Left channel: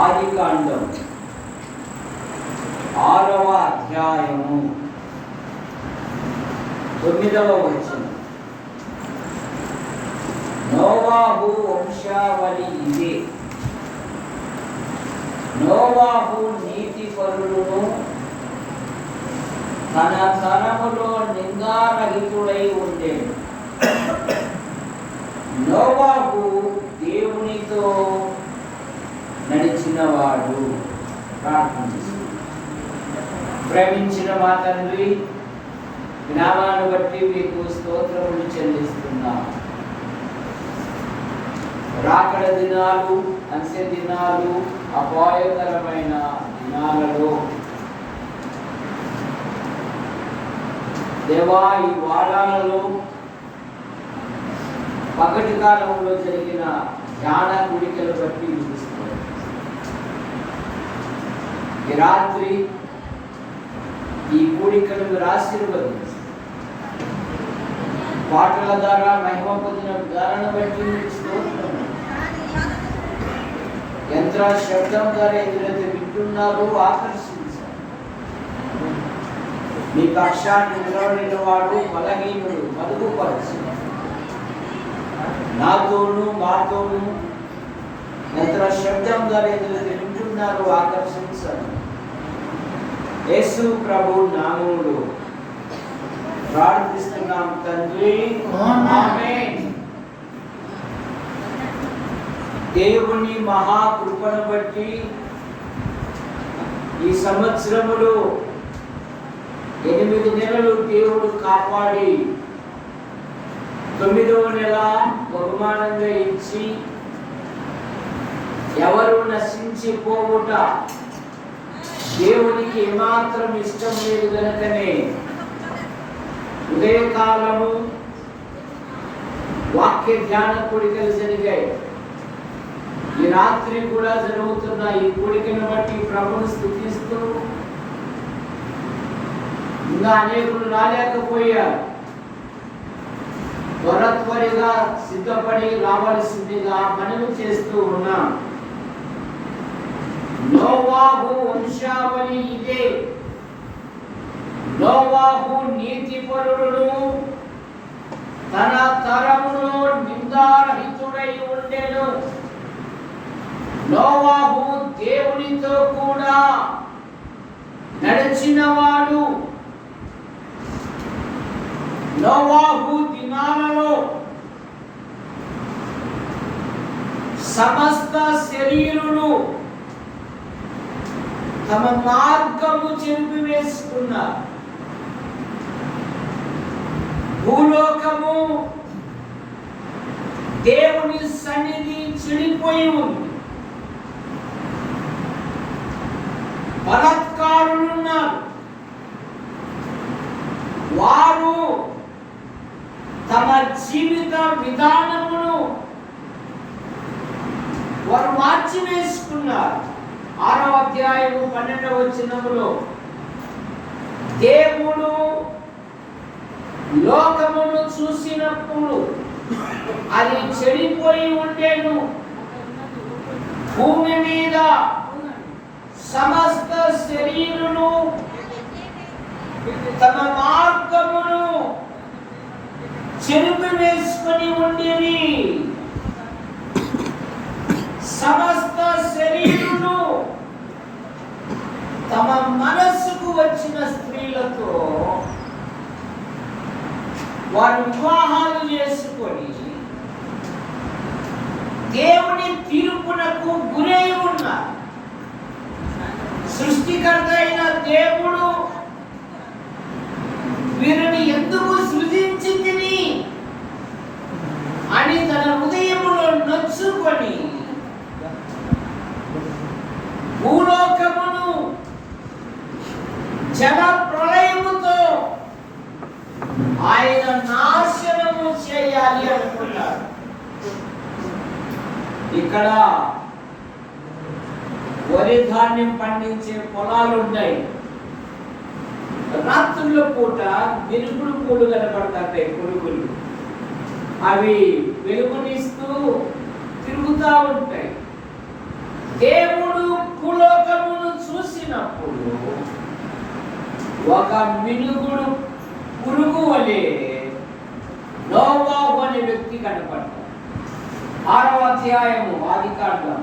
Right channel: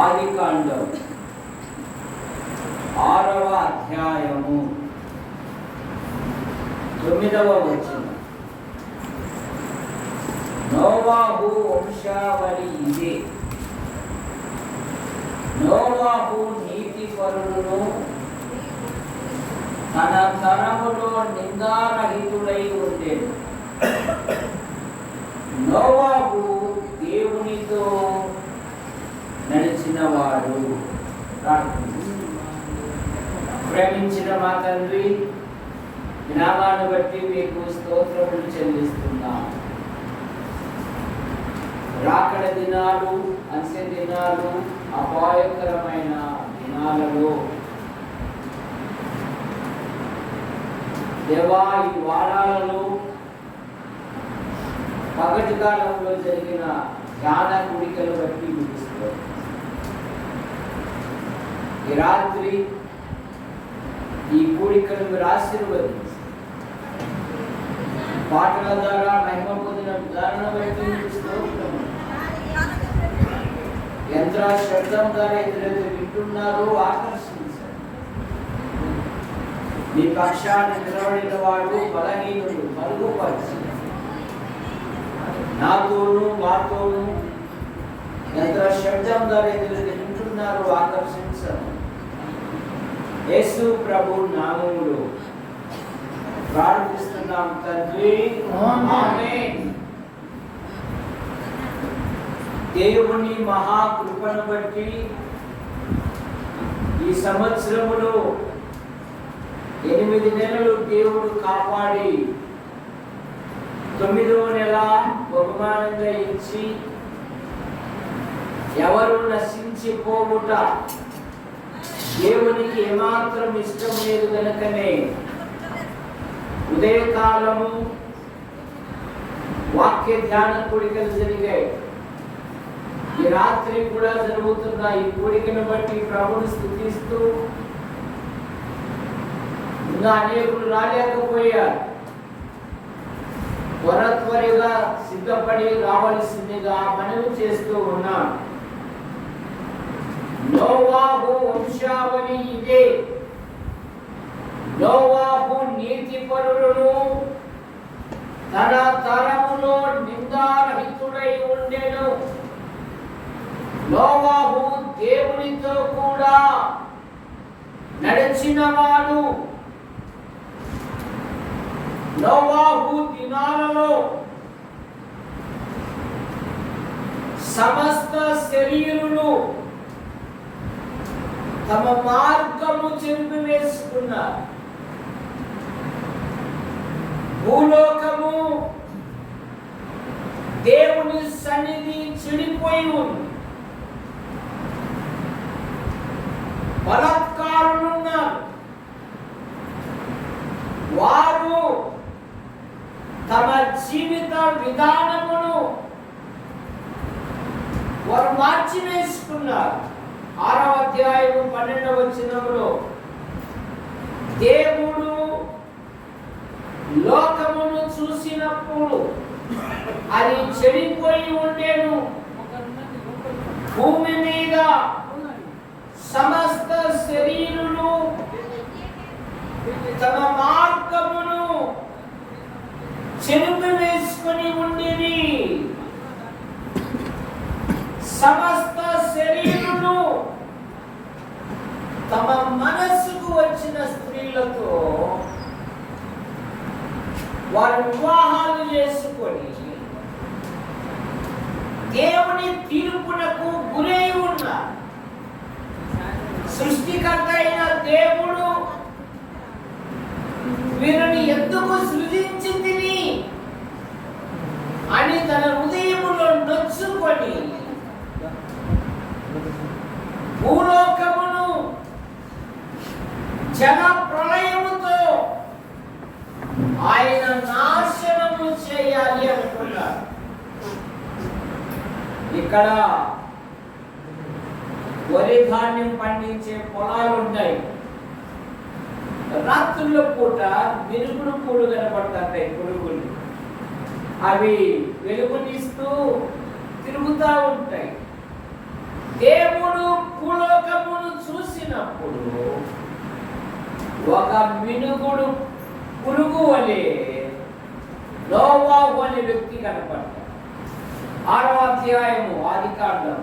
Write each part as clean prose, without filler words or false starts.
ఆదికాండం 6వ అధ్యాయము 9వ వచనం. నోవాహు వంశావళి ఇదే. నోవాహు నీతిపరుడును తన తరములో నిందారహితుడై ఉండేడు. నోవాహు దేవునితో నడిచినవాడు. ప్రేమించిన మా తండ్రి, జ్ఞానాన్ని బట్టి మీకు స్తోత్రములు చెల్లిస్తున్నాం. రాకడ దినాలు, అంత్య దినాలు, అపాయకరమైన దినాలలో దేవా, ఈ వారాలలో పగటి కాలంలో జరిగిన ధ్యాన కూడికలు బట్టి విధిస్తారు. ఈ రాత్రి ఈ కూడికలు మీరు ఆశీర్వదించి పాటల ద్వారా మహిమ పొందిన విధానాన్ని బట్టి స్తోత్రం. యంత్ర శబ్దం ద్వారా ఎదురైతే వింటున్నారు, ఆకర్షించారు. మీ పక్షాన్ని నిలబడిన వాడు బలహీనుడు మరుగుపరచు. నాతోనూ మాతోనూ ఎంత శబ్దం ద్వారా వింటున్నారు ఆకర్షించారు. యేసు ప్రభు నామములో ప్రార్థిస్తున్నాం తండ్రి, ఆమేన్. దేవుని మహాకృపను బట్టి ఈ సంవత్సరములో 8 నెలలు దేవుడు కాపాడి 9వ నెల బహుమానంగా ఇచ్చి ఎవరు నశించిపోవుట దేవునికి ఏమాత్రం ఇష్టం లేదు కనుకనే ఉదయకాలము వాక్య ధ్యాన కూడికలు జరిగాయి. ఈ రాత్రి కూడా జరుగుతున్న ఈ కూడికను బట్టి ప్రభువును స్తుతిస్తూ ఇంకా అనేకులు రాలేకపోయారు. త్వరగా సిద్ధపడి రావాల్సిందిగా మనవి చేస్తూ ఉన్నాం. నోవాహు వంశావళి ఇదే. నోవాహు నీతిపరుడును, తన తరములో నిందారహితుడై ఉండెను. నోవాహు దేవునితో కూడా నడిచినవాడు. నోవాహు దినాలలో సమస్త శరీరులు తమ మార్గము చెరిపివేసుకున్నారు. భూలోకము దేవుని సన్నిధి చెడిపోయి ఉంది. బలాత్కారులున్నారు. వారు తమ జీవిత విధానమును వారు మార్చివేసుకున్నారు. 6వ అధ్యాయము 12వ వచనములో దేవుడు లోకమును చూసినప్పుడు అది చెడిపోయి ఉండేను. భూమి మీద సమస్త శరీరులు తమ మార్గమును చెరిపివేసుకొని ఉండేవి. సమస్త శరీరులు తమ మనస్సుకు వచ్చిన స్త్రీలతో వారు వివాహాలు చేసుకొని దేవుని తీర్పునకు గురై ఉన్నారు. సృష్టికర్త అయిన దేవుడు వీరిని ఎందుకు సృజించింది అని తన హృదయములో నొచ్చుకొని భూలోకమును జల ప్రళయముతో ఆయన నాశనము చేయాలి అనుకున్నారు. ఇక్కడ వరి ధాన్యం పండించే పొలాలు ఉన్నాయి. రాత్రుల పూట వెలుగుడు పూలు కనపడతాయి. పురుగులు అవి వెలుగునిస్తూ తిరుగుతూ ఉంటాయి. దేవుడు భూలోకమును చూసినప్పుడు ఒక మినుగుడు పురుగు వలె నోవాహు అనే వ్యక్తి కనపడ్డాడు. 6వ అధ్యాయము ఆదికాండం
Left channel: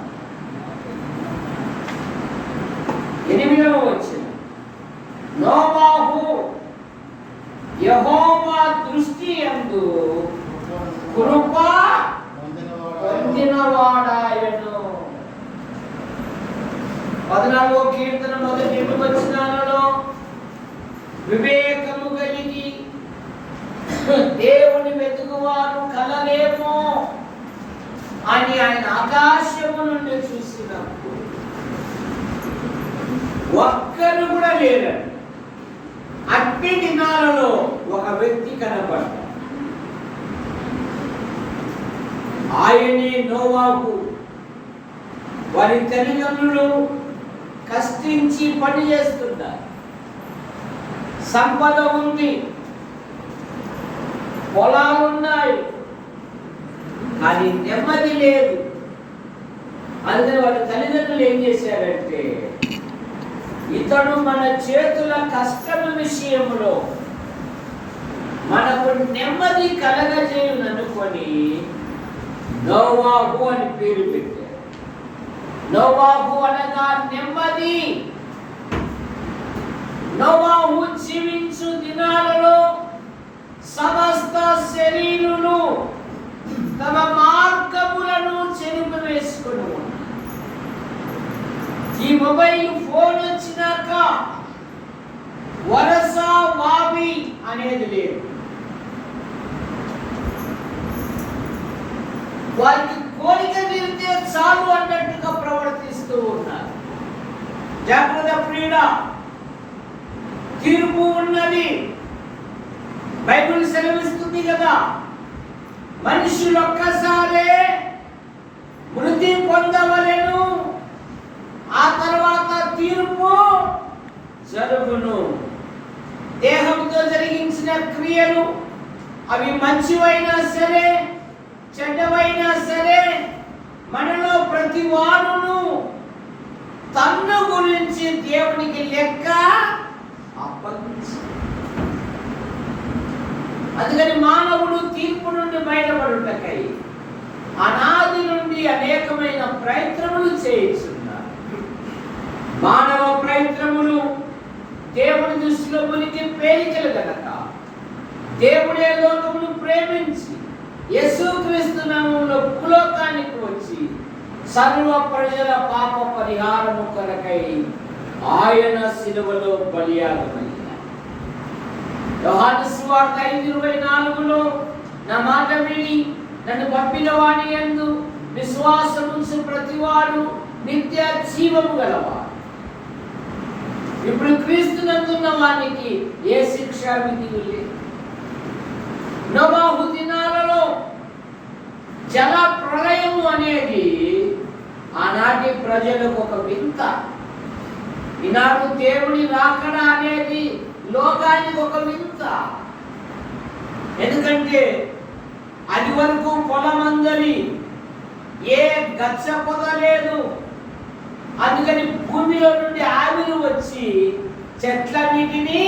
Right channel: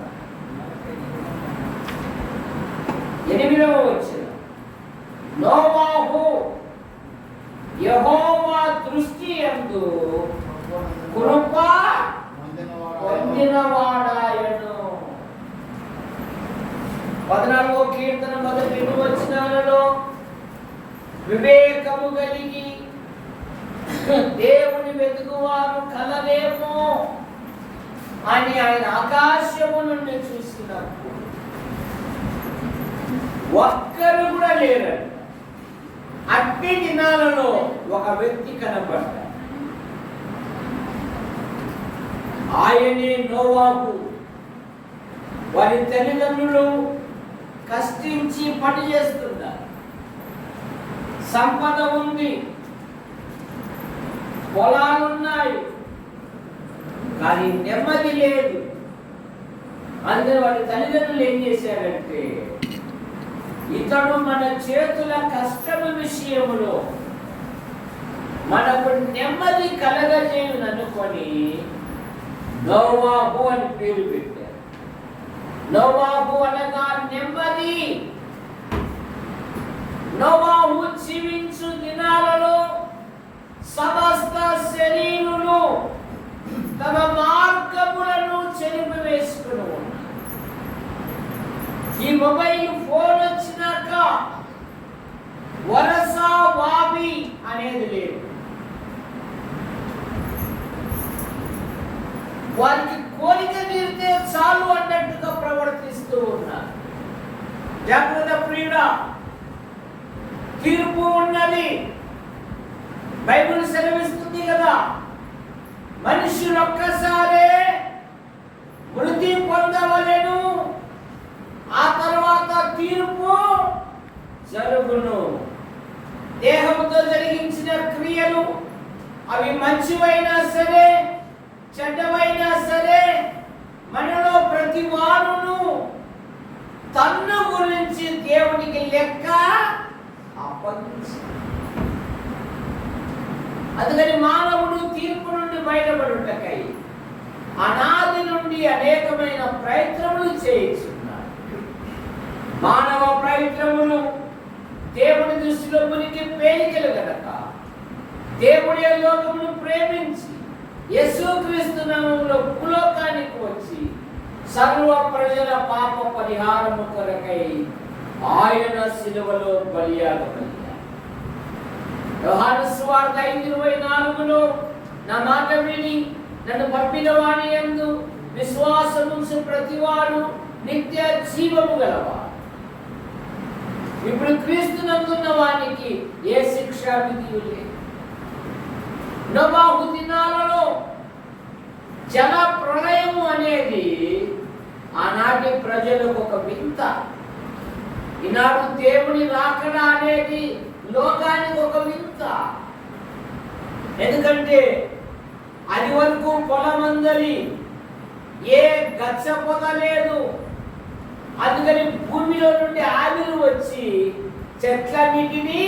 8వ వచనం. నోవాహు యెహోవా దృష్టి యందు కృప పొందినవాడాయను. 14వ కీర్తన 1 వచనాలలో వివేకము కలిగి దేవుని వెతుకువారు కలలేమో అని ఆయన ఆకాశము నుండి చూసినప్పుడు ఒక్కరు కూడా లేరు. అట్టి దినాలలో ఒక వ్యక్తి కనపడ్డాడు. ఆయనే నోవాహు. వారి తల్లిదండ్రులు కష్టించి పని చేస్తున్నారు. సంపద ఉంది, పొలాలున్నాయి, కానీ నెమ్మది లేదు. అందుకని వాళ్ళ తల్లిదండ్రులు ఏం చేశారంటే, ఇతడు మన చేతుల కష్టము విషయములో మనకు నెమ్మది కలగజేయుననుకొని నోవాహు అని పేరు పెట్టారు. నోవాహు అనగా నెమ్మది. నోవాహు జీవించు దినాలలో సమస్త శరీరులు తమ మార్గములను చెరిపివేసుకుని ఉన్నారు. ఈ మొబైల్ ఫోన్ వచ్చినాక వలస వావి అనేది లేదు. వారికి కోరిక తీరితే చాలు అన్నట్టుగా ప్రవర్తిస్తూ ఉన్నారు. జాగ్రత్త ప్రియుడా, తీర్పు ఉన్నది. బైబిల్ సెలవిస్తుంది కదా, మనుషులు ఒక్కసారే మృతి పొందవలెను, ఆ తర్వాత తీర్పు జరుగును. దేహంతో జరిగించిన క్రియలు అవి మంచివైనా సరే చెడ్డవైనా సరే మనలో ప్రతి వారును తన్ను గురించి దేవునికి లెక్క అప్పగించాలి. అందుకని మానవుడు తీర్పు నుండి బయటపడుటకై అనాది నుండి అనేకమైన ప్రయత్నములు చేయుచున్నారు. మానవ ప్రయత్నములు దేవుని దృష్టిలో మునికి పేలికలు గనక దేవుడే లోకమును ప్రేమించి యేసుక్రీస్తు నామములో భూలోకానికి వచ్చి సర్వ ప్రజల పాప పరిహారము కొరకై ఆయన శిలువలో బలియాగమయ్యారు. యోహాను సువార్త 5:24లో నా మాట విని నన్ను పంపిన వాని యందు విశ్వాసముంచు ప్రతివాడు నిత్య జీవము గలవాడు. ఇప్పుడు క్రీస్తునందున్న వానికి ఏ శిక్షా విధి లేదు. నోవాహు దినాలలో జల ప్రళయము అనేది ఆనాటి ప్రజలకు ఒక వింత. ఈనాడు దేవుని రాకడ అనేది లోకానికి ఒక వింత. ఎందుకంటే అది వరకు పొలమందలి ఏ గచ్చ పొద లేదు. అందుకని భూమిలో నుండి ఆవిరి వచ్చి చెట్లన్నిటినీ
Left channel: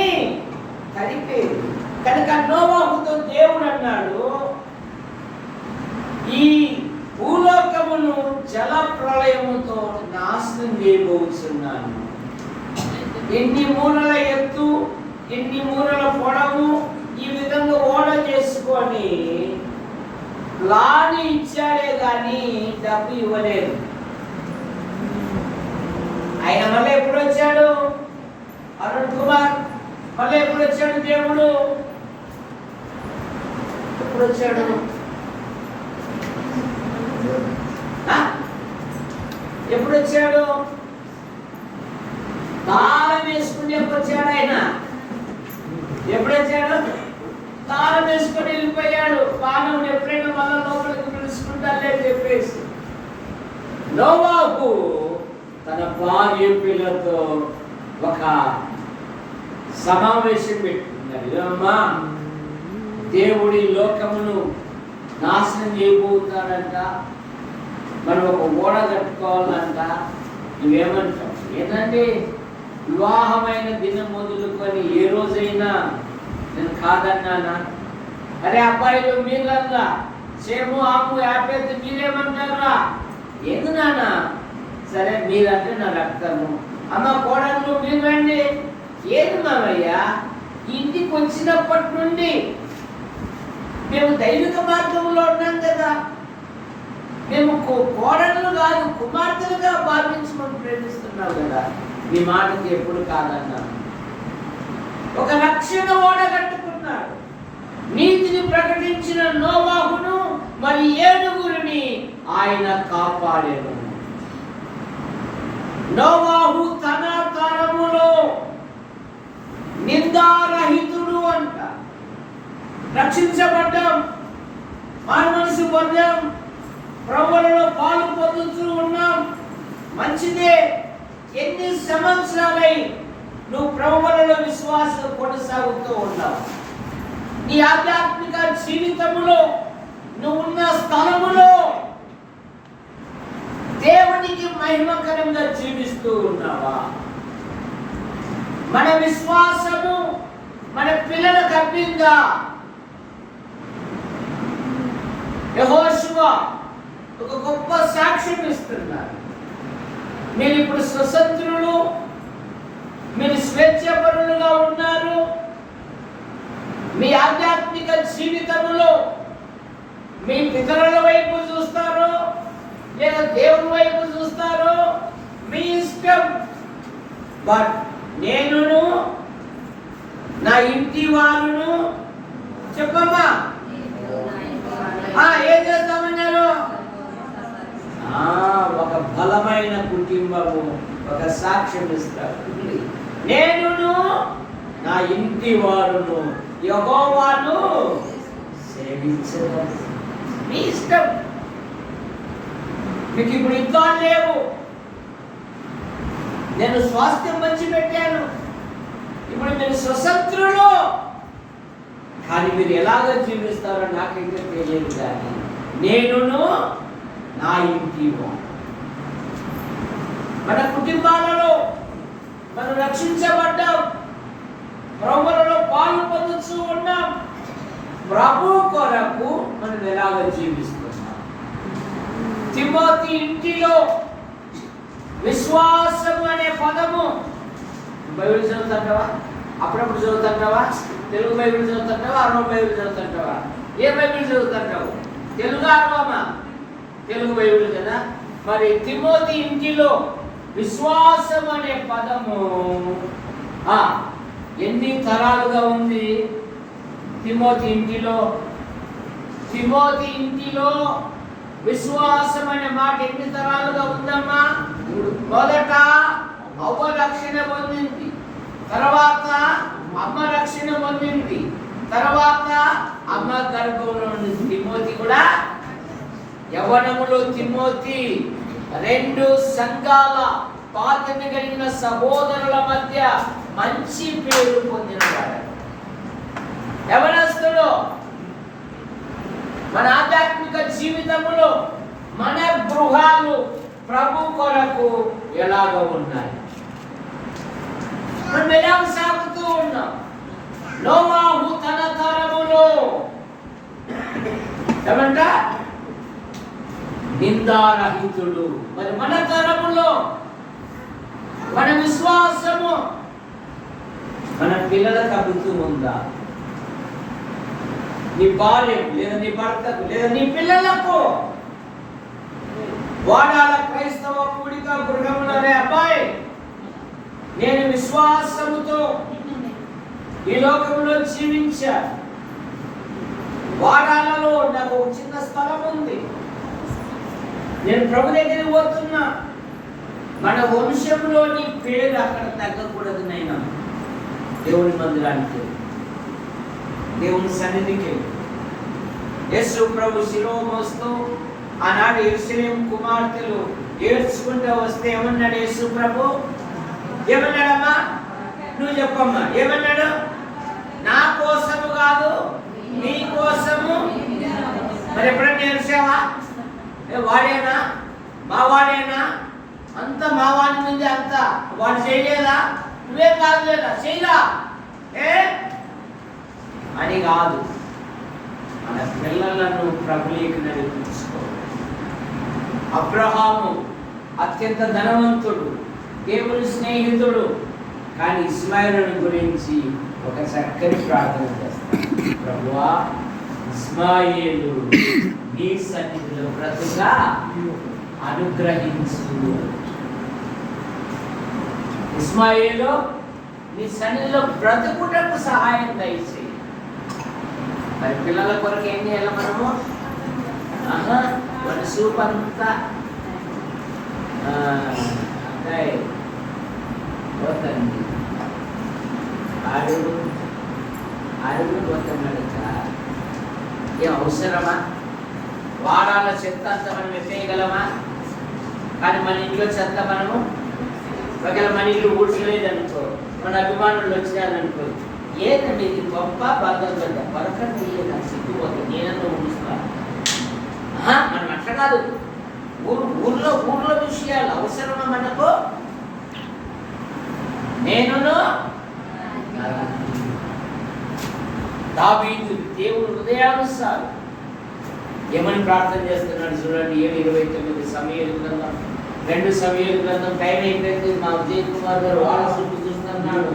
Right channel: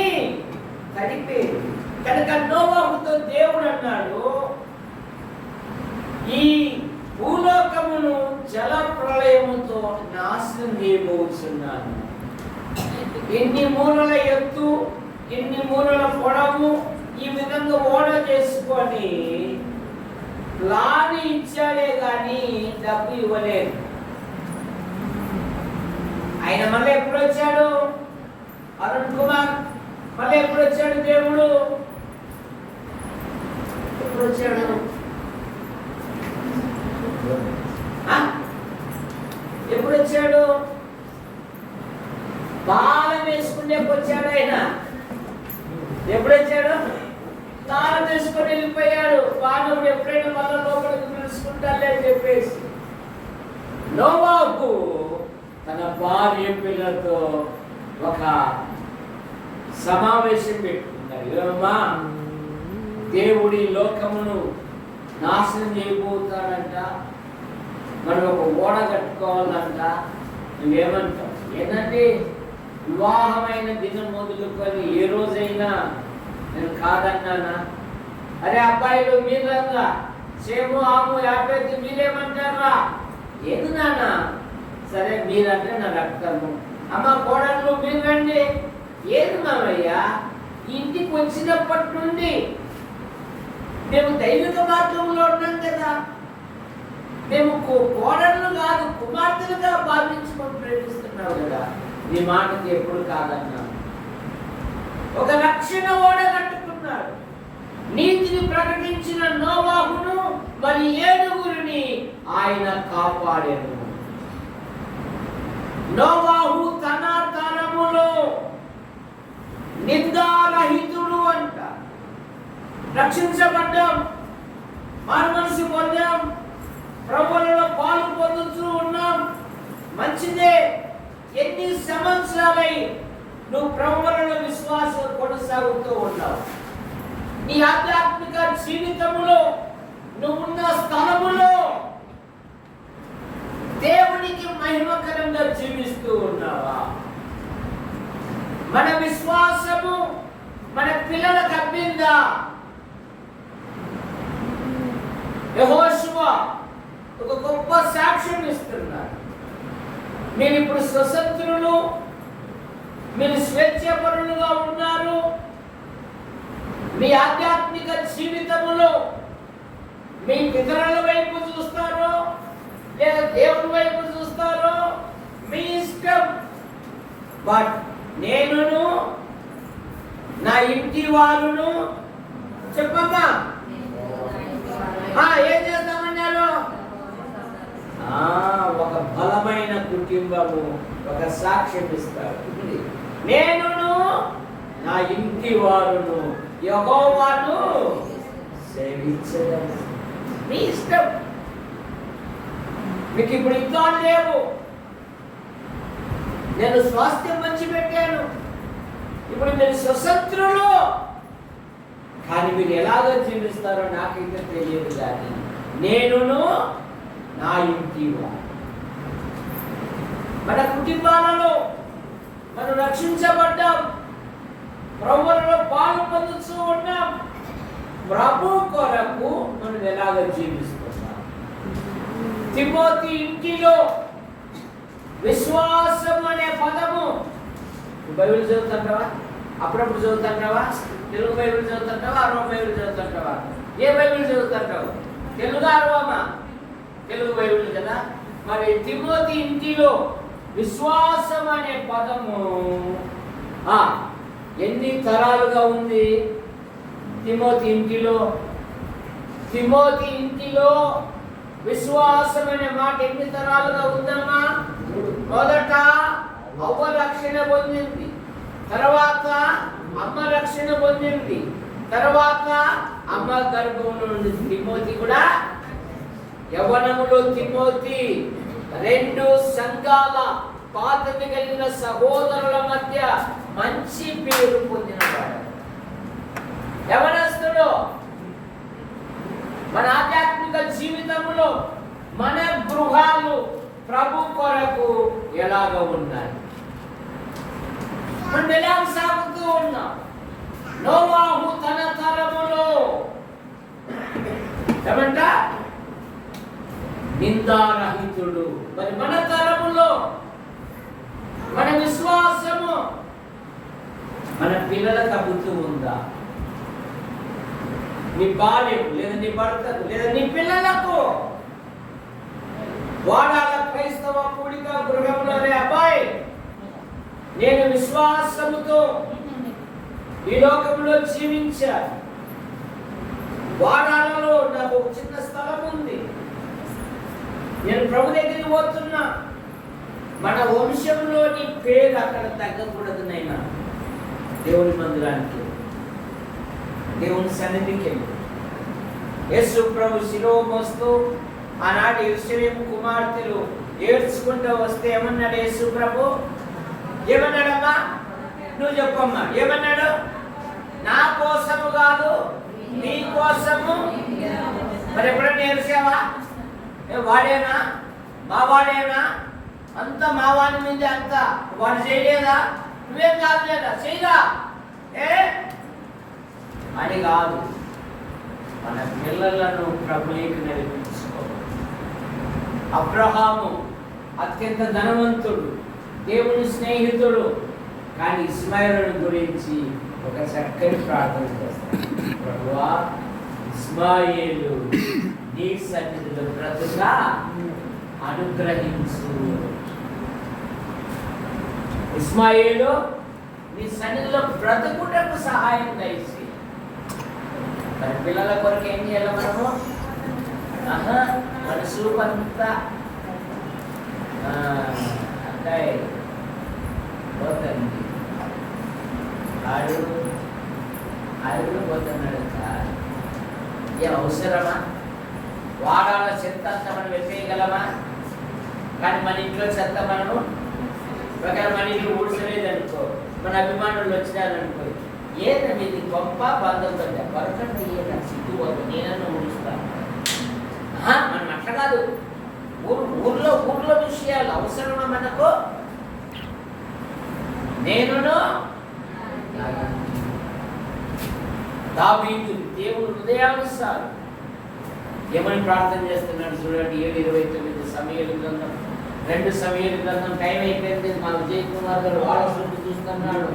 కలిపేది. కనుక నోవాహుతో దేవుడు అన్నాడు, ఈ భూలోకమును జల ప్రళయముతో నాశనం చేయబోతున్నాను. ఎన్ని మూరల ఎత్తు, ఎన్ని మూరల పొడవు, ఈ విధంగా ఓడ చేసుకొని ప్లాన్ ఇచ్చాడే కానీ డబ్బు ఇవ్వలేదు. ఆయన మళ్ళీ ఎప్పుడు వచ్చాడు? అరుణ్ కుమార్ మళ్ళీ ఎప్పుడు వచ్చాడు? దేవుడు ఎప్పుడు వచ్చాడు? ఎప్పుడు వచ్చాడు? తాళం వేసుకుని ఎప్పుడు వచ్చాడు? ఆయన ఎప్పుడు వచ్చాడు? తాళం వేసుకొని వెళ్ళిపోయాడు. మానవుడు ఎప్పుడైనా మళ్ళా లోపలికి పిలుచుకుంటాలే అని చెప్పేసి నోవాహు తన భార్య పిల్లలతో ఒక సమావేశం పెట్టుకున్నారు. అమ్మా, దేవుడి లోకమును నాశనం చేయబోతాడంట, మనం ఒక ఓడ కట్టుకోవాలంట. నువ్వేమంటావు? ఏంటంటే వివాహమైన దినం మొదలుకొని ఏ రోజైనా నేను కాదన్నానా? అరే అబ్బాయిలు మీరన్నా, సేము ఆము యాపేది మీరేమంటారా? ఏది నాన్న? సరే మీరంటే నా రక్తము. అమ్మ కోడళ్ళు మీరు రండి. ఏది మామయ్యా? ఇంటికి వచ్చినప్పటి నుండి మేము దైవిక మార్గంలో ఉన్నాం కదా, మేము కోడళ్ళు కాదు కుమార్తెలుగా భావించుకొని ప్రేమిస్తున్నావు కదా, నీ మాటకి ఎప్పుడు కాదన్నా. ఒక రక్షణ ఓడ కట్టుకున్నాడు. నీతిని ప్రకటించిన నోవాహును మరి 7 ఆయన కాపాడెను. నోవాహు తన తరములో నిందారహితుడు అంట. రక్షించబడ్డాం, మానవనసు పొందాం, ప్రభువులలో పాలు పొందుతూ ఉన్నాం. మంచిదే. ఎన్ని సంవత్సరాలై నువ్వు ప్రభువులలో విశ్వాసం కొనసాగుతూ ఉన్నావు. నీ ఆధ్యాత్మిక జీవితములో నువ్వున్న స్థలములో దేవునికి మహిమకరంగా జీవిస్తూ ఉన్నావా? మన విశ్వాసము మన పిల్లలకు అబ్బిందా? యెహోషువ ఒక గొప్ప సాక్ష్యం ఇస్తున్నారు. మీరు ఇప్పుడు స్వతంత్రులు, మీరు స్వేచ్ఛపరులుగా ఉన్నారు. మీ ఆధ్యాత్మిక జీవితంలో మీ పితరుల వైపు చూస్తారో లేదా దేవుని వైపు చూస్తారో మీ ఇష్టం. బట్ నేనును నా ఇంటి వారును చెప్పమ్మా ఏం చేస్తామన్నారు? ఒక బలమైన కుటుంబము ఒక సాక్ష్యం ఇస్తారు. నేనును నా ఇంటి వారును యెహోవాను సేవించడం. మీ ఇష్టం. మీకు ఇప్పుడు యుద్ధాలు లేవు. నేను స్వాస్థ్యం మంచి పెట్టాను. ఇప్పుడు మీరు స్వతంత్రులు. కానీ మీరు ఎలాగ జీవిస్తారో నాకైతే తెలియదు. కానీ నేనును నా ఇంటి వారు, మన కుటుంబాలలో మనం రక్షించబడ్డాం, ప్రభువులలో పాలు పొందుతూ ఉన్నాం. ప్రభు కొరకు మనం ఎలాగ జీవిస్తున్నాం? తిమోతి ఇంటిలో విశ్వాసం అనే పదము. బైబిల్ చదువుతుంటావా? అప్పుడప్పుడు చదువుతుంటావా? తెలుగు బైబిల్ చదువుతుంటావా? అరవ బైబిల్ చదువుతుంటావా? ఏ బైబిల్ చదువుతుంటావు? తెలుగు అరవమా? తెలుగు బైబిల్ కదా. మరి తిమోతి ఇంటిలో విశ్వాసం అనే పదము ఎన్ని తరాలుగా ఉంది? తిమోతి ఇంటిలో విశ్వాసం అనే మాట ఎన్ని తరాలుగా ఉందమ్మా? మొదట అవ్వ రక్షణ పొందింది, తర్వాత అమ్మ రక్షణ పొందింది, తర్వాత అమ్మ గర్భంలో నుండి తిమోతి కూడా యవ్వనములో తిమోతి 2 సంఘాల పాతని కలిగిన సహోదరుల మధ్య మంచి పేరు పొందినవాడు. యవ్వనస్తుడు మన ఆధ్యాత్మిక జీవితంలో మన గృహాలు ప్రభు కొరకు ఎలాగ ఉన్నాయి? మనం ఎలా సాగుతూ ఉన్నాం? నోవాహు తన తరములో ఏమంట? నిందారహితుడు. మరి మన తరములో మన విశ్వాసము మన పిల్లలకు అబ్బుతూ ఉందా? నీ భార్యకు లేదా నీ భర్తకు లేదా నీ పిల్లలకు వాడాల క్రైస్తవ కూడిక గృహంలోనే అబ్బాయి నేను విశ్వాసముతో ఈ లోకంలో జీవించా. వాడాలలో నాకు ఒక చిన్న స్థలం ఉంది. నేను ప్రభు దగ్గరికి పోతున్నా. మన వంశంలోని పేరు అక్కడ తగ్గకూడదు. నైనా దేవుని మందిరానికి, దేవుని సన్నిధికి యేసు ప్రభు శిలువ మోస్తూ ఆనాడు యెరూషలేము కుమార్తెలు ఏడ్చుకుంటూ వస్తే ఏమన్నాడు యేసు ప్రభు? ఏమన్నాడమ్మా? నువ్వు చెప్పమ్మా. ఏమన్నాడు? నా కోసము కాదు, నీ కోసము. మరి ఎప్పుడన్నా ఏడ్చావా? వాడేనా? మా వాడేనా? అంత మా వాడి మీద అంత వాడు చేయలేదా? నువ్వేం కాదు లేదా? చేయదా అని కాదు. మన పిల్లలను ప్రభువుకి నడిపించుకో. అబ్రహాము అత్యంత ధనవంతుడు, దేవుని స్నేహితుడు. కానీ ఇస్మాయిలుని గురించి ఒక చక్కని ప్రార్థన చేస్తాడు. ప్రభువా, ఇస్మాయిలు నీ సన్నిధిలో బ్రతుగా అనుగ్రహించు. ఇస్మాయిలు నీ సన్నిధిలో బ్రతుకుటకు సహాయం దయచేయి. మరి పిల్లల కొరకు ఏం చేయాలి మనము? మన సూపంతా అంటే పోతుంది. అడుగు పోతున్నాడు. ఏం అవసరమా? వాడాల చెత్త అంతా మనం ఎత్తేయగలమా? కానీ మన ఇంట్లో చెత్త మనము ఒకవేళ మన ఇల్లు ఊడ్చలేదనుకో, మన అభిమానులు వచ్చినారనుకో, ఏదండి ఇది గొప్ప బంధం కదా, పరకండి సిగ్గుపోతుంది, నేనన్నా ఊడుస్తా. మనం అట్లా కాదు. ఊర్లో విషయాలు అవసరమా మనకు? నేనును దావీదు దేవుని హృదయానుసారం ఏమని ప్రార్థన చేస్తున్నాడు చూడండి. 7:29 సమూయేలు గ్రంథం, 2 సమూయేలు గ్రంథం. టైం అయిపోయింది. మా విజయ్ కుమార్ గారు వాళ్ళ చుట్టూ చూస్తున్నాడు.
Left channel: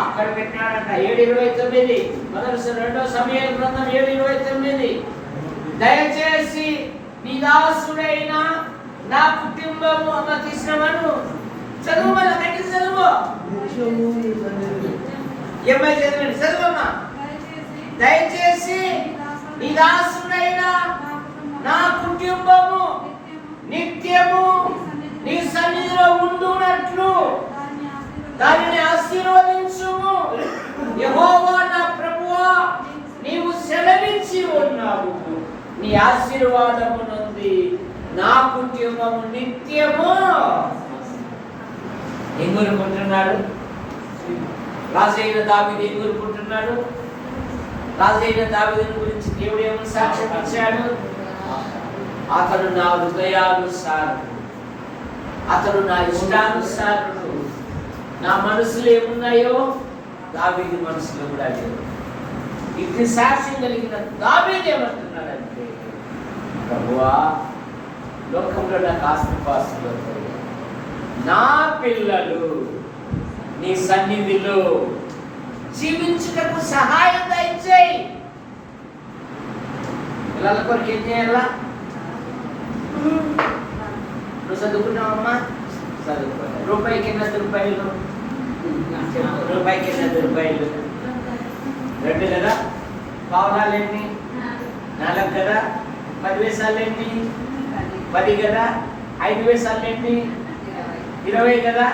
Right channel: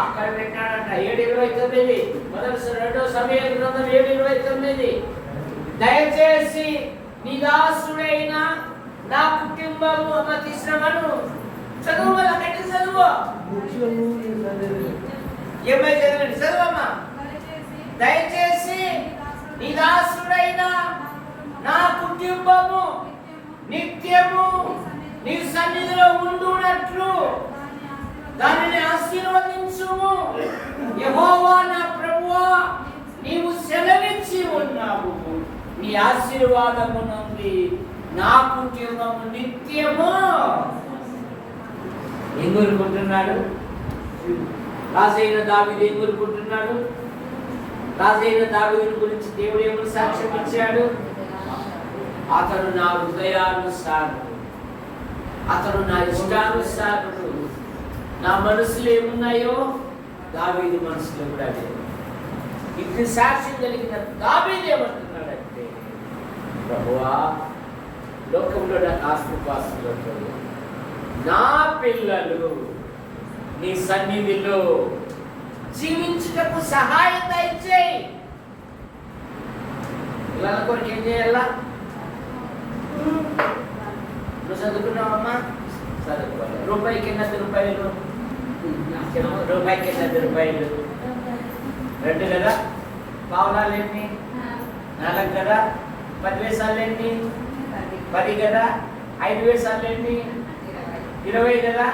అక్కడ పెట్టినాడంట. 7:29 2 సమూయేలు గ్రంథం 7:29. దయచేసి నీ దాసుడైన నా కుటుంబము అమ్మ తీసినవాడు చదువు, వల్ల కట్టి చదువు. ఏమై చదవండి, చదువమ్మా. దయచేసి నీ దాసుడైన నా కుటుంబము నిత్యము నీ సన్నిధిలో ఉండునట్లు దానిని ఆశీర్వదించుము. యెహోవా నా ప్రభువా, నీవు సెలవిచ్చి ఉన్నావు. నీ ఆశీర్వాదము నుండి నా కుటుంబము నిత్యము. ఏం కోరుకుంటున్నాడు రాజైన దావీదు? ఏం కోరుకుంటున్నాడు? రాజైన దావీదుని గురించి దేవుడు ఏమని సాక్ష్యం ఇచ్చాడు? అతడు నా హృదయానుసారుడు, అతడు నా ఇష్టానుసారుడు. నా మనసులో ఏమున్నాయో దావీదు మనసులో కూడా లేవు. ఇటు సాక్ష్యం కలిగిన దావీదు ఏమంటున్నాడంటే, ప్రభువా, లోకంలో నాకు ఆస్తిపాస్తులు, నా పిల్లలు నీ సన్నిధిలో జీవించుటకు సహాయం దయచేయి. పిల్లల కొరకు ఏం చేయాలా? నువ్వు చదువుకున్నావమ్మా? చదువుకోవాలి. రూపాయికి 8 రూపాయలు, రూపాయికి 8 రూపాయలు. 2 కదా, పావులాలేంటి 4 కదా, 10 వేసాలేంటి 10 కదా, 5 వేసాలేంటి 20 కదా.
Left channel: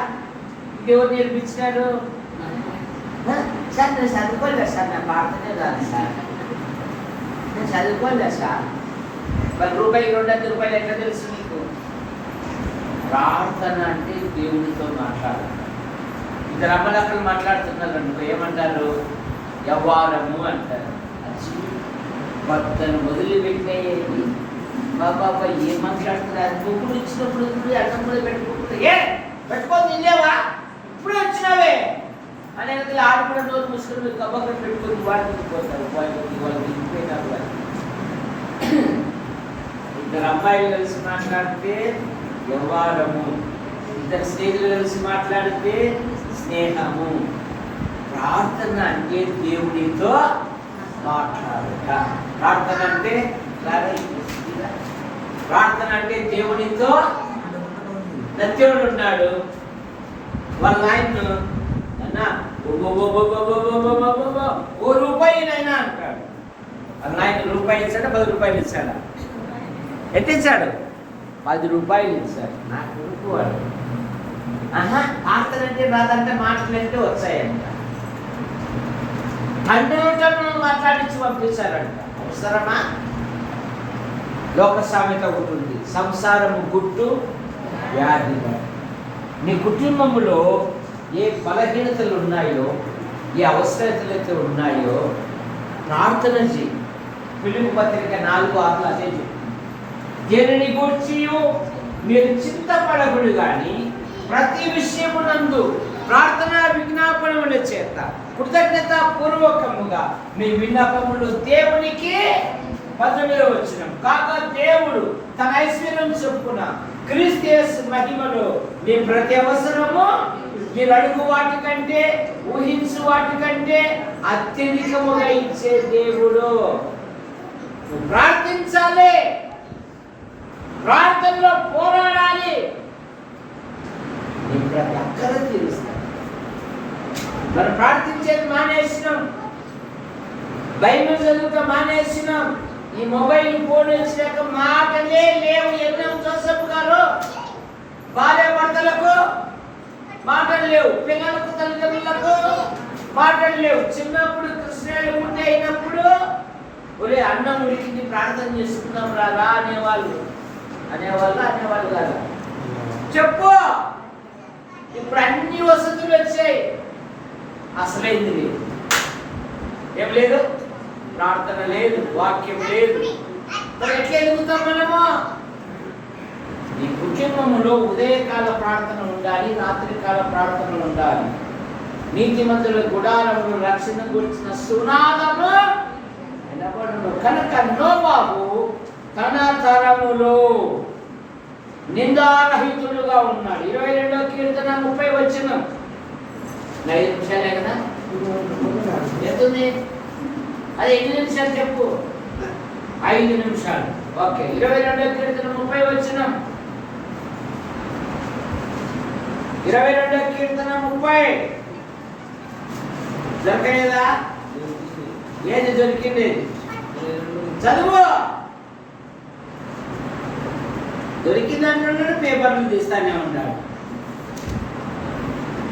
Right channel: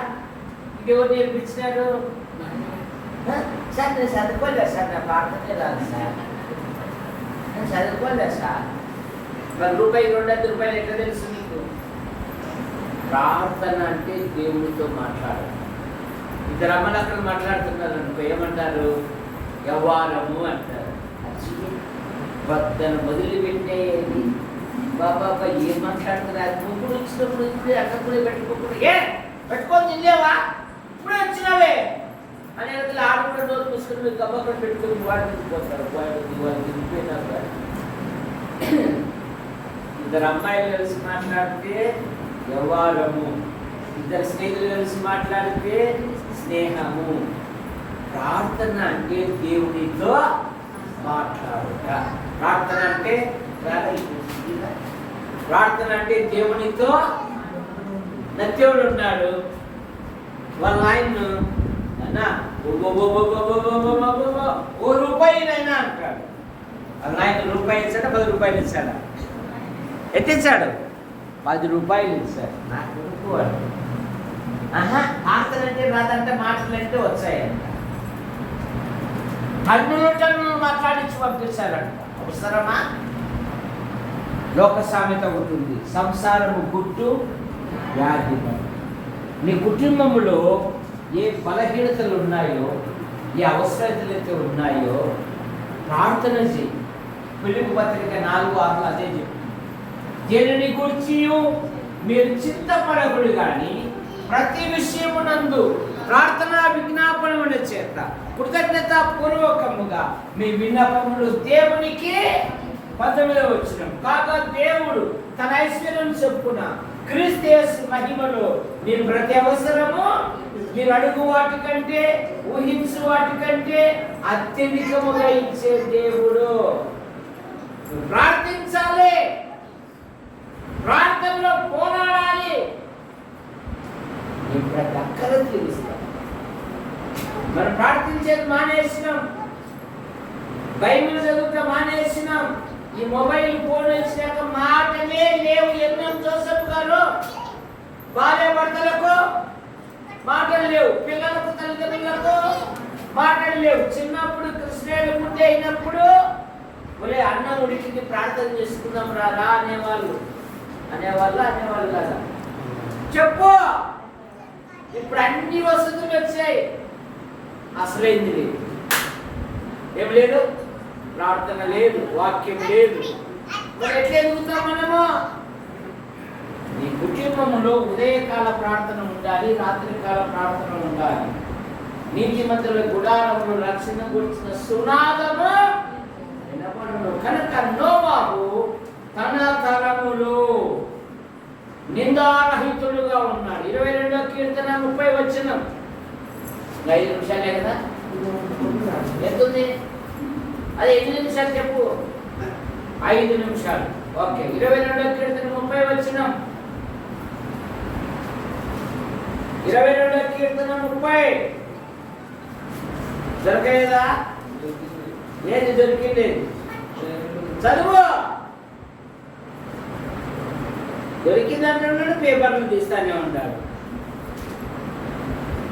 ఇంకెవరు నేర్పించినాడు? సార్ నేను చదువుకోలేదు సార్, నా ప్రార్థనే రాదు సార్, నేను చదువుకోలేదు సార్. మరి రూపాయికి 200 రూపాయలు ఎట్లా తెలుసు నీకు? ప్రార్థన అంటే దేవుడితో మాట్లాడాలి. ఇద్దరు అమ్మలక్కలు మాట్లాడుతున్నారు అనుకో, ఏమంటారు? యవ్వారము అంటారు. పద్దను మొదలుపెట్టేది బాబా ఏం మాట్లాడుతున్నారు? అది ముగ్గురు ఇచ్చినప్పుడు ఇప్పుడు అన్నం కూడా పెట్టుకోకుండా ఏ పెట్టుకొని తినలేవా? ఇప్పుడే వచ్చినావే అనే ఆడు కూడా నోరు మూసుకుని కబ్బక్కడ పెట్టుకొని వాడుకుని పోతారు. వాళ్ళు తినిపోయినారు. ఇద్దరు అమ్మాయిలు కలిసి మాట్లాడితే వ్యవహారము, ఇద్దరు స్నేహితులు కలిసి మాట్లాడితే స్నేహము. ప్రార్థన అంటే దేవునితో మాట్లాడుట. ప్రార్థన అంటే దేవునితో. నత్యవుడు ఉన్నాడు, వాళ్ళ ఆయన అన్నా ఓ రూపాయినైనా అంటాడు. వాళ్ళ ఆయన రూపాయి ఇచ్చాడా 10 రూపాయలు ఇచ్చాడా? ఎట్టించాడు? 10 రూపాయలు ఇచ్చాడు. నాకు అనుకోవాలి. మాటలంటే రాదంటే మాటలంటే వచ్చాయంట. అన్నిటను మాట్లాడించి పంపించారంట. అవసరమా? లోక సామెత ఒకటి ఉంది, సంసారము గుట్టు వ్యాధి. మీ కుటుంబంలో ఏ బలహీనతలు ఉన్నాయో, ఏ అవసరతలు అయితే ఉన్నాయో ప్రార్థన చేయి. ఫిలిప్పీ పత్రిక 4:6 అదే చెప్తుంది. దేనిని గూర్చి మీరు చింతపడకూడదు కానీ ప్రతి విషయమునందు ప్రార్థన విజ్ఞాపనముల చేత కృతజ్ఞత పూర్వకముగా మీ విన్నపములు దేవునికి 19వ వచనం కాగా దేవుడు తన ఐశ్వర్యం చొప్పున క్రీస్తు యేసు మహిమలో మీ ప్రతి అవసరము మీరు అడుగు వాటి కంటే ఊహించు వాటి కంటే అత్యధికముగా ఇచ్చే దేవుడు. ప్రార్థించాలి, ప్రార్థనలో పోరాడాలి. నీ ప్రతి అక్కర తీరుస్తాను. మనం ప్రార్థించేది మానేసినాం, బైబిల్ చదువుతా మానేసినాం. ఈ మొబైల్ ఫోన్ వచ్చినాక మాటలే లేవు. ఎన్నం జోసెఫ్ గారు భార్య భర్తలకు మాటలు లేవు, పిల్లలకు తల్లిదండ్రులకు మాటలు లేవు. చిన్నప్పుడు కృష్ణుడు ముద్ద అయినప్పుడు ఒరే అన్నం ఉడికింది ప్రార్థన చేసుకుందాం రారా అనేవాళ్ళు కదా. చెప్పు, ఇప్పుడు అన్ని వసతులు వచ్చాయి, అసలైంది లేదు. ఏం లేదు? ప్రార్థన లేదు, వాక్యం లేదు. మరి ఎట్లా ఎదుగుతాం మనము? నీ కుటుంబంలో ఉదయకాల ప్రార్థన ఉండాలి, రాత్రికాల ప్రార్థన ఉండాలి. నీతిమంతుల గుడారములు రక్షణ గురించిన సునాదము వినబడు. తరము. కనుక నోవాహు తన తరములో నిందారహితుడుగా ఉన్నాడు. 22వ కీర్తన 30 వచనం. 5 నిమిషాలే కదా, ఎంతుంది అది? 8 నిమిషాలు చెప్పు. 5 నిమిషాలు. ఓకే. 22వ కీర్తన 30 వచనం. 22వ కీర్తన 30 దొరకలేదా? ఏది దొరికింది? చదువు. దొరికిందంటున్నాడు, పేపర్లు తీస్తానే ఉంటాడు.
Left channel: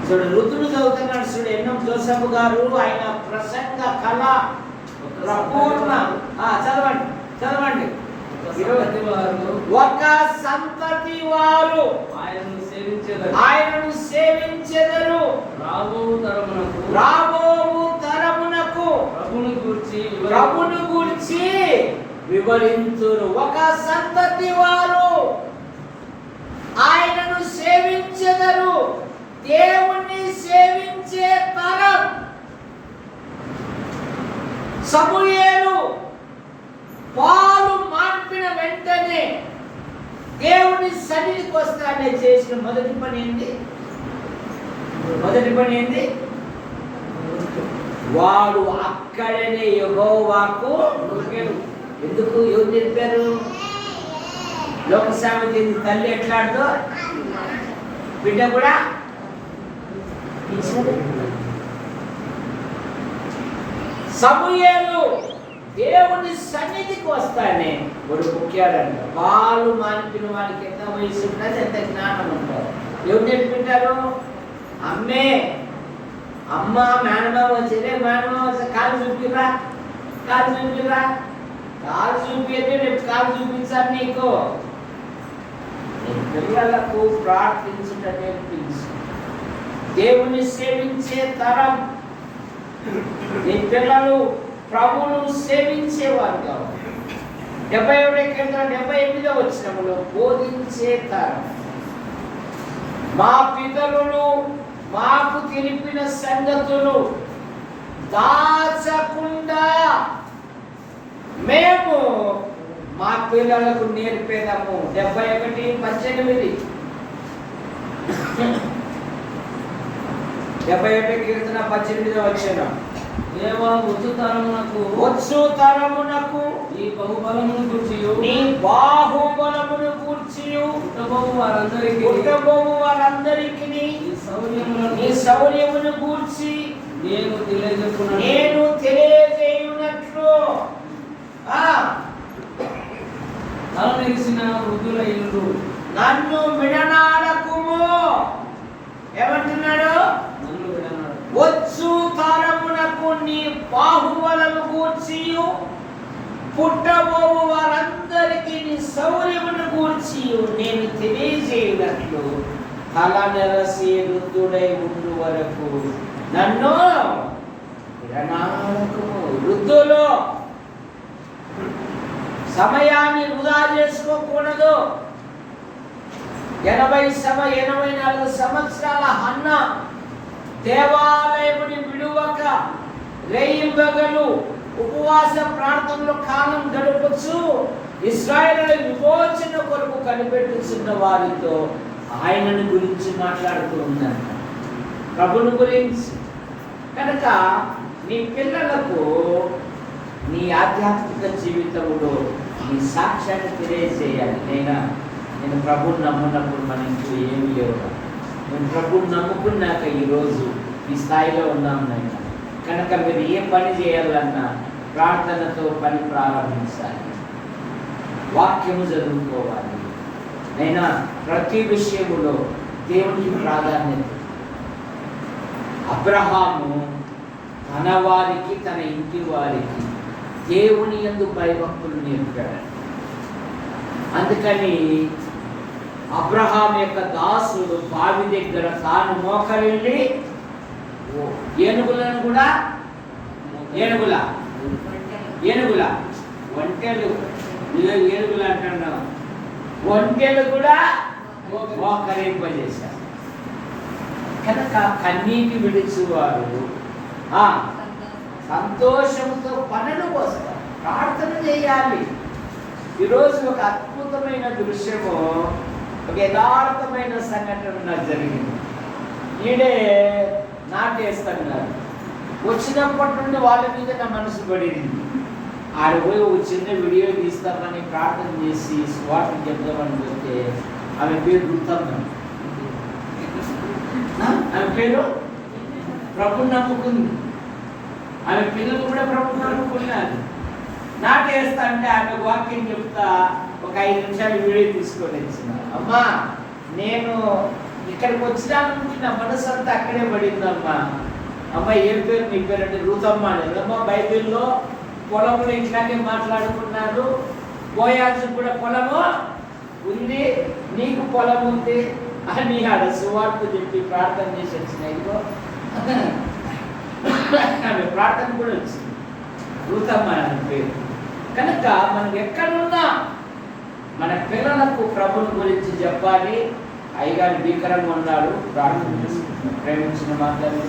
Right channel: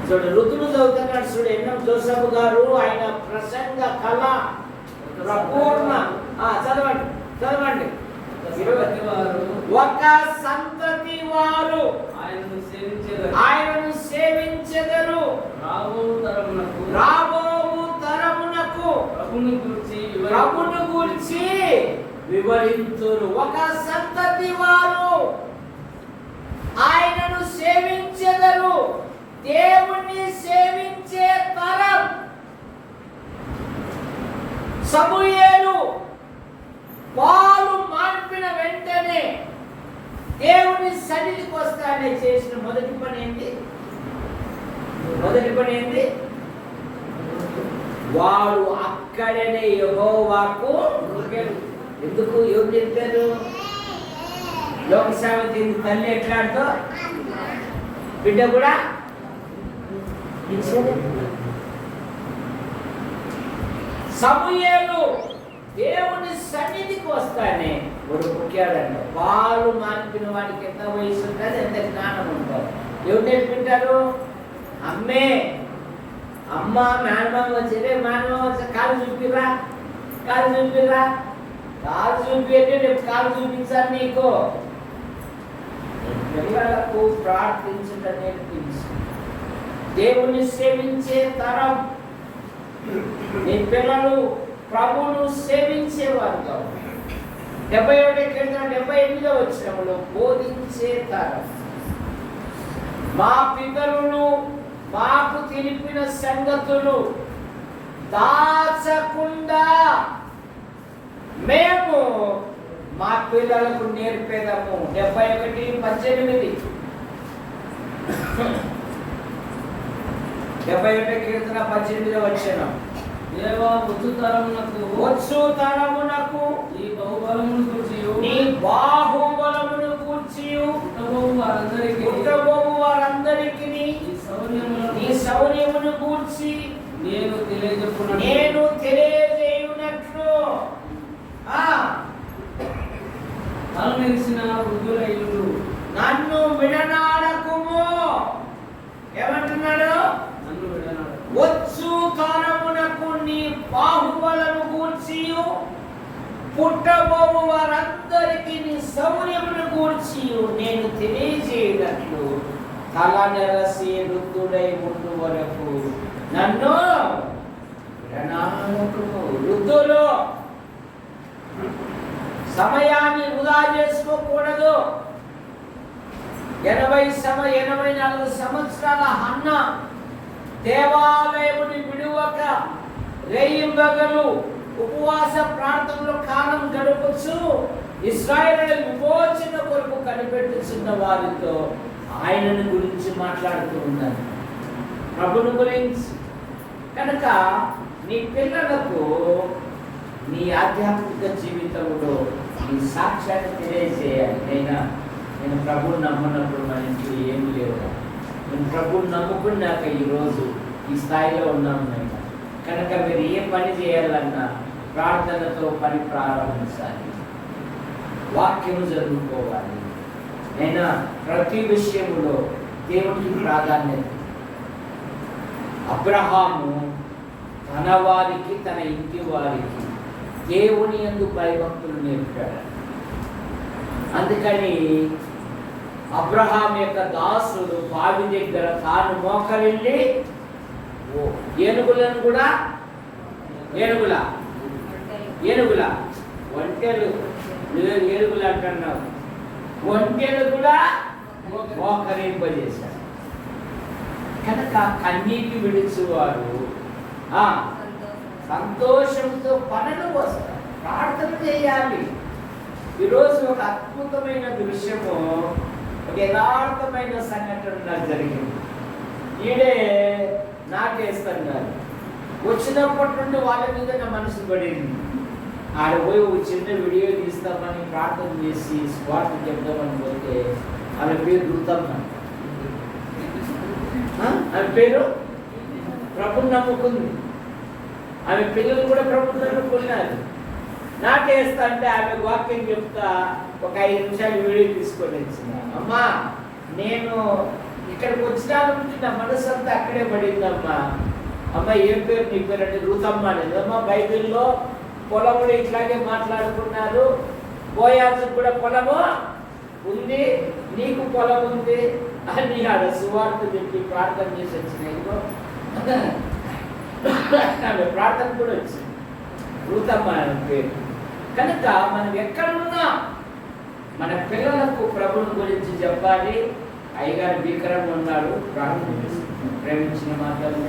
చూడు, ఋతులు చదువుతున్నాడు. చూడు, ఎన్నం జోసఫ్ గారు ఆయన ప్రసంగ కళ పూర్ణ. చదవండి చదవండి. ఒక సంతతి వారు ఆయనను సేవించెదరు. రాబోవు తరమునకు ప్రభును గూర్చి వివరించురు. ఒక సంతతి వారు ఆయనను సేవించెదరు. దేవుణ్ణి సేవించే తరం. సమూయేలు పాలు మార్పిన వెంటనే దేవుని సన్నిధికి వస్తానే చేసిన మొదటి పని ఏంటి? వాడు అక్కడనే యెహోవాకు ఎందుకు ఎవరు చెప్పారు? లోకసేవ తల్లి ఎట్లాడుతో బిడ్డ కూడా సమూయేలు దేవుని సన్నిధికి వస్తానే వాడు ముఖ్యాడంట. పాలు మానిపిన వాడికి ఎంత వయసు ఉంటుంది, ఎంత జ్ఞానం ఉంటుంది. ఎవరు నేర్పింటారు? అమ్మ మేనమామ వచ్చేదే. మేనమామ వచ్చే కాలు చూపిరా కాలు చూపి అంటే రేపు కాలు చూపించాలి నీకు. పిల్లలకు ప్రార్థించుట నేర్పించు. దేవుని సేవించే తరం. నీ పిల్లలు ప్రభువును సేవించేవారు కావాలి. 78వ వచనంలో బోధించే తరం. మా పితరులు మాకు తెలిపిన సంగతులు దాచకుండా మేము మా పిల్లలకు నేర్పేదాము. 71:18. 71 కీర్తన 18వ వచనం. వచ్చు తరమునకు నీ బాహుబలమును గూర్చి పుట్టబోవు వారందరికీ నీ శౌర్యమును గూర్చి నేను తెలియజేయునట్లు నన్ను విడనాడకుము. ఏమంటున్నాడు? వచ్చు తరమునకు నీ బాహుబలను గూర్చి పుట్టబోవు వారందరికీ నీ శౌర్యమును గూర్చి నేను తెలియజేయనట్లు తల నెరసి వృద్ధుడై ఉండు వరకు నన్ను విడనాడకుము. వృద్ధులు సమయాన్ని వృధా చేసుకోకూడదు. 84 సంవత్సరాల హన్న దేవాలయముని విడువక రేయింబగలు ఉపవాస ప్రార్థనలో కాలం గడపచ్చు. ఇశ్రాయేలు విమోచన కొరకు కనిపెట్టుచున్న వారితో ఆయనను గురించి మాట్లాడుతూ ఉన్నారు, ప్రభుని గురించి. కనుక నీ పిల్లలకు నీ ఆధ్యాత్మిక జీవితంలో నీ సాక్ష్యాన్ని తెలియజేయాలి. నేను ప్రభుని నమ్మున్నప్పుడు మన ఇంట్లో ఏమి లేవు. నేను ప్రభుని నమ్ముకున్నాక ఈరోజు ఈ స్థాయిలో ఉన్నాం. నేను కనుక మీరు ఏ పని చేయాలన్నా ప్రార్థనతో పని ప్రారంభించాలి, వాక్యము చదువుకోవాలి. అయినా ప్రతి విషయములో దేవునికి ప్రాధాన్యత. అబ్రహాము తన వారికి, తన ఇంటి వారికి దేవుని యందు భయభక్తులు నేర్పాడు. అందుకని అబ్రహాం యొక్క దాసుడు బావి దగ్గర తాను మోకరిల్లి ఏనుగులను కూడా ఏనుగుల ఒంటెలు ఏనుగులు అంటున్నావు, ఒంటెలు కూడా మోకరింపజేశారు. కనుక కన్నీటి విడిచేవారు సంతోషంతో పనులు వస్తారు. ప్రార్థన చేయాలి. ఈరోజు ఒక అద్భుతమైన దృశ్యము, ఒక యథార్థమైన సంఘటన నాకు జరిగింది. ఈడే నాటేస్తున్నారు. వచ్చినప్పటి నుండి వాళ్ళ మీద నా మనసు పడింది. ఆడ పోయి ఒక చిన్న వీడియో తీస్తామని ప్రార్థన చేసి స్వార్థ చెప్దామని పోతే ఆమె పేరు రుతమ్మ. ఆమె పేరు ప్రభుని నమ్ముకుంది. ఆమె పిల్లలు కూడా ప్రభుని నమ్ముకున్నారు. నాటేస్తా అంటే ఆమె వాక్యం చెప్తా ఒక 5 నిమిషాలు వీడియో తీసుకొని వచ్చిన. అమ్మా, నేను ఇక్కడికి వచ్చిన నుంచి నా మనసు అంతా అక్కడే పడిందమ్మా. అమ్మ, ఏం పేరు నీ పేరు అంటే రుతమ్మ అనేది. అమ్మ, బైబిల్లో పొలములు ఇట్లాగే మాట్లాడుకున్నారు. బోయాజు కూడా పొలము ఉంది, నీకు పొలం ఉంది అని ఆడ సువార్త చెప్పి ప్రార్థన చేసి వచ్చిన. ఇదిగో ఆమె ప్రార్థన కూడా వచ్చింది, రుతమ్మ అని పేరు. కనుక మనం ఎక్కడున్నా మన పిల్లలకు ప్రభుని గురించి చెప్పాలి. అయ్యగారు భీకరంగా ఉన్నాడు, ప్రార్థన చేసుకుంటాం. ప్రేమించిన మాటలు,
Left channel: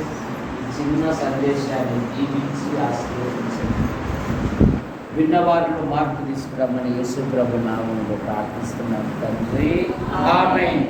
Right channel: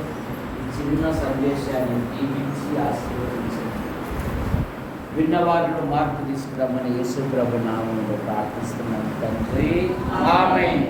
చిన్న సందేశాన్ని జీవించి ఆశీర్వదించండి. విన్నవారిలో మార్పు తీసుకురమ్మని యేసు ప్రభు నామములో ప్రార్థిస్తున్నాం తండ్రి. ఆమేన్.